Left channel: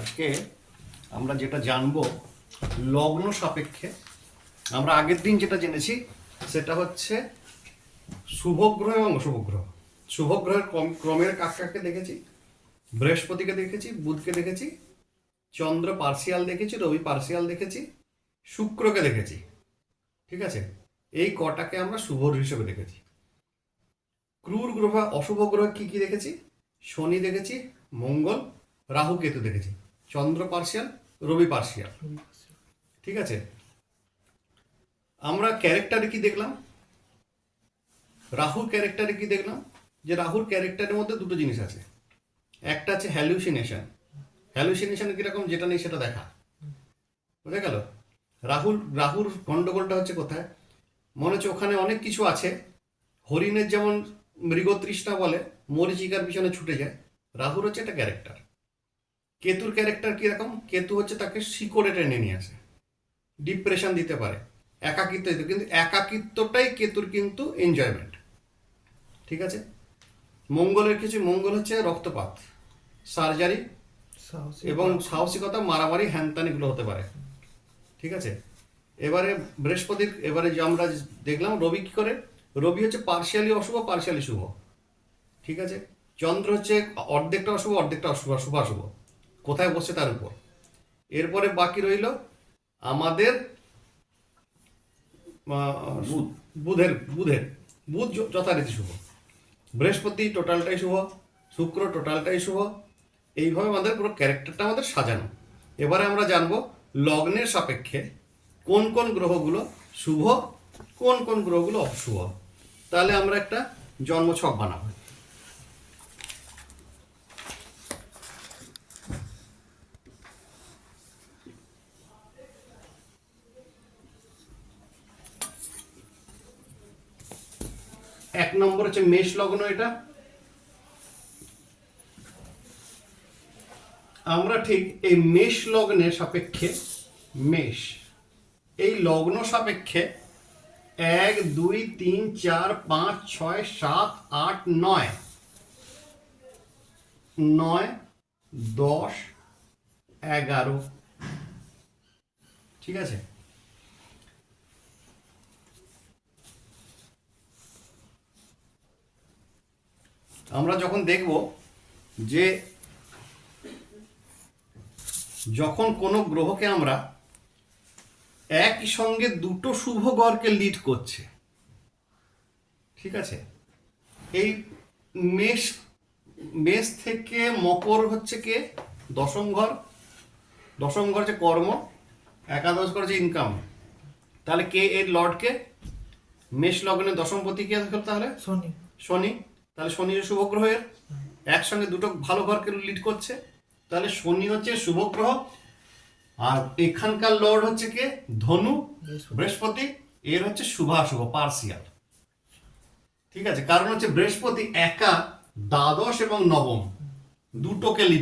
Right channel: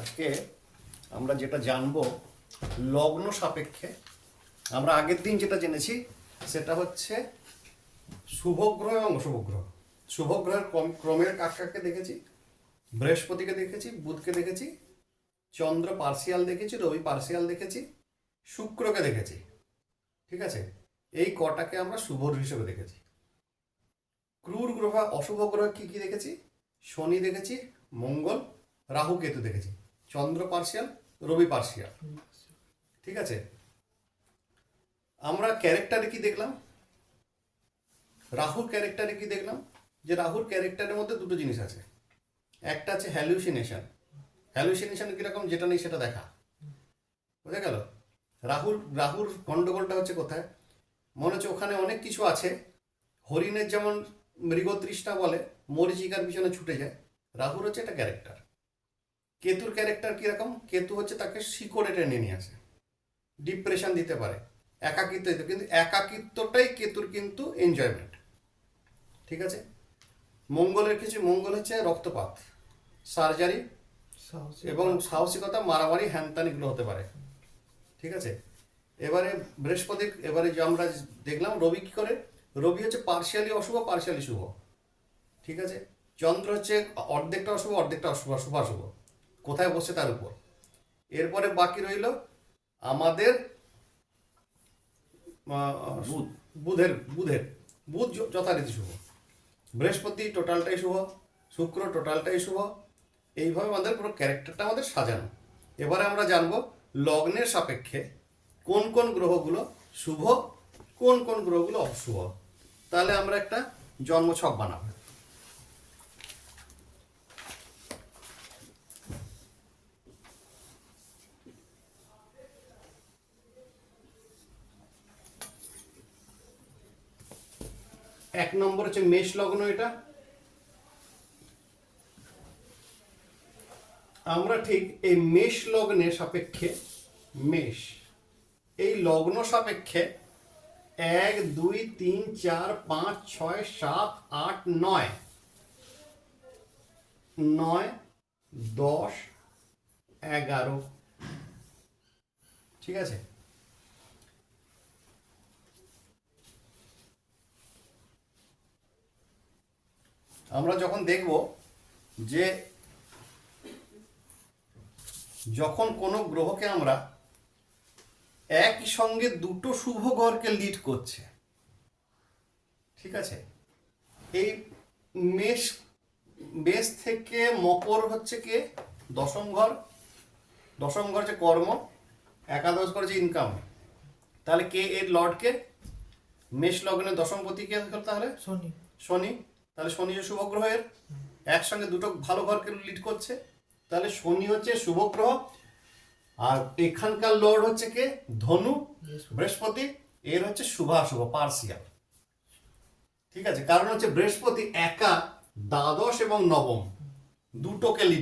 আজকে আমরা যেটা জানবো লগ্ন সাপেক্ষে, আমরা আগের দিন যেটা জেনেছি সেটা হচ্ছে শুভ গ্রহ এবং অশুভ গ্রহ। শুভ গ্রহের ক্রমের কাকে দেখেছি, বৃহস্পতিকে দেখেছি, বুধকে দেখেছি, চন্দ্র পার্সিয়াল দেখেছি, রবি পার্সিয়াল দেখেছি, শুক্রকে দেখেছি। ঠিক আছে, এই কটাকে আমরা শুভ হিসেবে দেখেছি। ক্রূর গ্রহ অশুভ গ্রহ কি কি দেখেছি? শনি দেখেছি, মঙ্গল, রাহু, কেতু দেখেছি, চন্দ্র পার্সিয়াল, রবি পার্সিয়াল। ঠিক আছে, আমরা ক্যারেক্টারে কি দেখলাম? রাহুর ক্যারেক্টারে কি দেখলাম? যে রাহুর ক্যারেক্টারের মধ্যে দুটো জিনিস আছে। একটা আছে হ্যালুসিনেশন। হ্যালুসিনেশন কিরকম? যেটা নেই সেটা দেখা। বুঝা গেল? রাহুর গন্ডগোলটা হচ্ছে কোথায়? মনে হচ্ছে ওখানে অনেক কিছু আছে। হরিণের যেমন মৃগতৃষ্ণা বলে, মরিচিকার পিছনে ছুটে যায়, রাহুর হচ্ছে একটা ক্যারেক্টার। কেতুর ক্যারেক্টার কিরকম? কেতু হচ্ছে তাকে শিকড়ে টেনে নিয়ে আসে, ডিপ্রেশন দিতে পারে, একাকিত্ব দিতে, কিন্তু একাকিত্বটাই কেতুর কিন্তু এনজয়মেন্ট। ঠিক আছে, মঙ্গলের কিছু, মঙ্গল হচ্ছে রক্তপাত, সার্জারি এবং সাহসিকতা, মারামারি, হ্যানত্যানিগুলো হতে পারে। ঠিক আছে, এবারে বৃহস্পতি, এবারে যে আমরা দেখলাম রবি কি করে? রবি হচ্ছে পার্শিয়ালি অশুভ, পার্শিয়ালি শুভ। ঠিক আছে, চন্দ্র হচ্ছে অর্ধেকটা অশুভ, অর্ধেকটা শুভাশুভ, কোথায় বসছে তার উপর। এরপরে বাকি রইল আমাদের বুধের বুধের বুধ যথারীতি শুভ, বৃহস্পতি টোটালটাই শুভ, শুক্র টোটালটাই শুভ। এইভাবে আমাদের পুরো ক্যারেক্টারটা আমাদের সাজানো। এবারে আমরা জানবো লগ্নের সাপেক্ষে কোন কোন গ্রহগুলো শুভ, কোন কোন গ্রহগুলো অশুভ। তাহলে আমরা একটা জন্মছক বানাবো। এক নম্বর হচ্ছে মেষ লগ্ন। এটা আমরা ঠিক এই মেষ লগ্নের সাপেক্ষে, মেষ এই লগ্ন সাপেক্ষে 1 2 3 4 5 6 7 8 9 9 10 11। ঠিক আছে, আমরা যখন দেখব যে যখন কোনো গ্রহকে আমরা একই সঙ্গে দুটো শুভ ঘরকে লিড করছে, ঠিক আছে, এই মেষ মেষ থেকে মকর হচ্ছে কে? দশম ঘর। দশম ঘর হচ্ছে কর্ম, একাদশ ঘর হচ্ছে ইনকাম। তাহলে কে এর লর্ডকে? মেষ লগ্নের দশমপতি কে হলো তাহলে? শনি। শনি। তাহলে শনি শুভ গ্রহের একসঙ্গে দুটো ভালো ঘরকে লিড করছে, তাহলে শনি হচ্ছে শুভ গ্রহ। আর এখানকার লর্ড হচ্ছে কে? ধনু, বৃহস্পতি। এর হচ্ছে শুভাশুভ, পার্সিয়াল। ঠিক আছে, কারণ হচ্ছে বৃহস্পতি একা দ্বাদশ এবং নবম দুটোকে লিড